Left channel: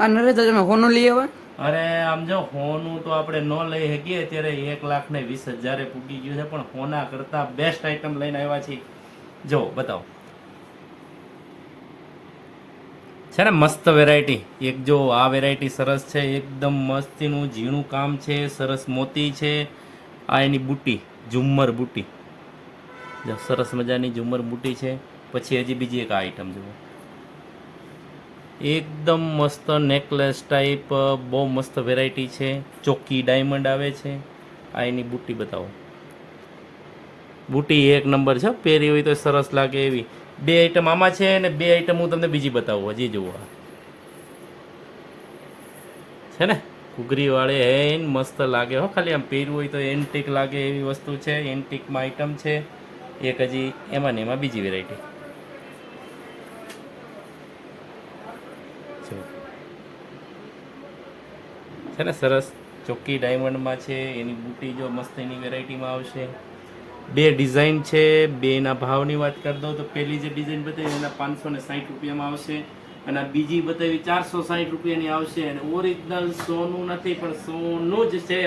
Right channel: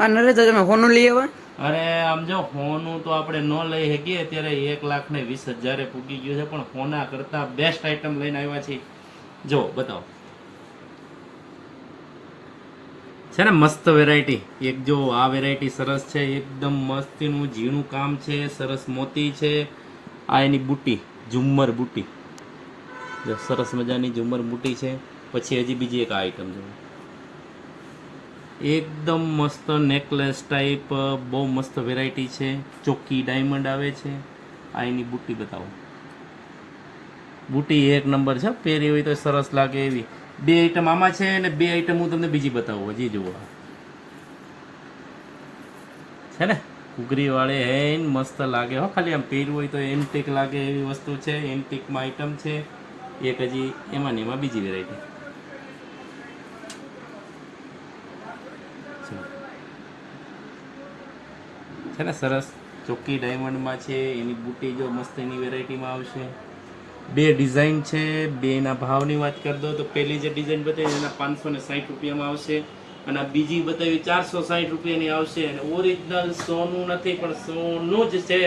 આ નરેશ તમે હોનું લઈ આવ્યા? અરે આમ જો હોનું તો આપણે ન લઈ શકીએ, અત્યારે 1,20,000 પૂગી ગયું છે, પણ હોના કરતા બેસ્ટ આઈટમ લઈને આવ્યા છીએ. જો બતાવો છે ને મસ્ત વેરાયટી. એક જો આ વેરાયટી સરસ છે, એકદમ મસ્તીનું ઝીણું કામ છે, સરસ મોતી છે. આ એની બુટ્ટી, ઝુમ્મર બુટ્ટી, જો સરસ મજાની ઝુમ્મર બુટ્ટી છે. પછી હજી બીજી એક આઈટમ છે, એકદમ મસ્ત નેકલેસ ટાઈપ, બહુ મસ્ત વેરાયટી છે. ચોખ્ખી ડાયમંડ આવે છે. આ એની બુટ્ટી બતાવો, બુટ્ટી એક નંબર છે, પહેરી હોય તો સરસ લાગે એવી. બે આઈટમ આમાં છે અને બે આઈટમ હું તમને બીજી બતાવું. હજી જુઓ છે ને ઘૂઘરી વાળી હે, મસ્ત લાગે હો. ખાલી આમ પહેરવું હોય તો એન્ટિક લાગે એવી વસ્તુ છે. એન્ટિકમાં આઈટમ છે એક. હજી એમાં ને એમાં બીજી વેરાયટી છે ને સરસ ચોખ્ખી ડાયમંડમાં છે. એની બુટ્ટી જો મસ્ત એની વેરાયટીમાં આવશે. બે ડિઝાઇન છે, બેના ભાવની વાત કરી દો તો પહેલી જે ડિઝાઇન બતાવી એના 560 રૂપિયામાં આવશે, અને બીજી બતાવી 460 રૂપિયાની આવશે. અને ઓરિજિનલ સોનું નથી, પણ સોનું જ છે.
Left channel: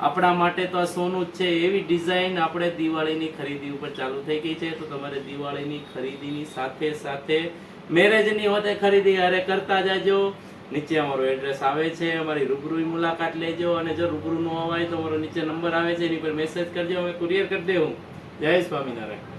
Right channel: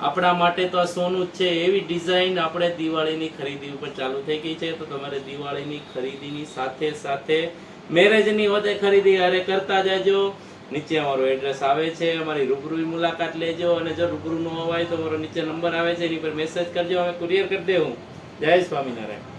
આપણા માટે તો આ સોનું જ છે. એવી ડિઝાઇન આપણે દિવાળીની ખરીદી ઉપર ચાલુ થઈ ગઈ છે. તો તમારે દિવાળીની ખરીદીની સાથે સાથે મેરેજની હોતે ખરીદી અરે કરતા જાજો. નીચે અમારું એડ્રેસ આવે છે, અમારી રૂબરૂ મુલાકાત લેજો. અને જો રૂબરૂ ન હોય તો અમારો નીચે નંબર આવે છે, એની પર મેસેજ કરજો, અમે કુરિયર કરી દેવું. જય સ્વામિનારાયણ.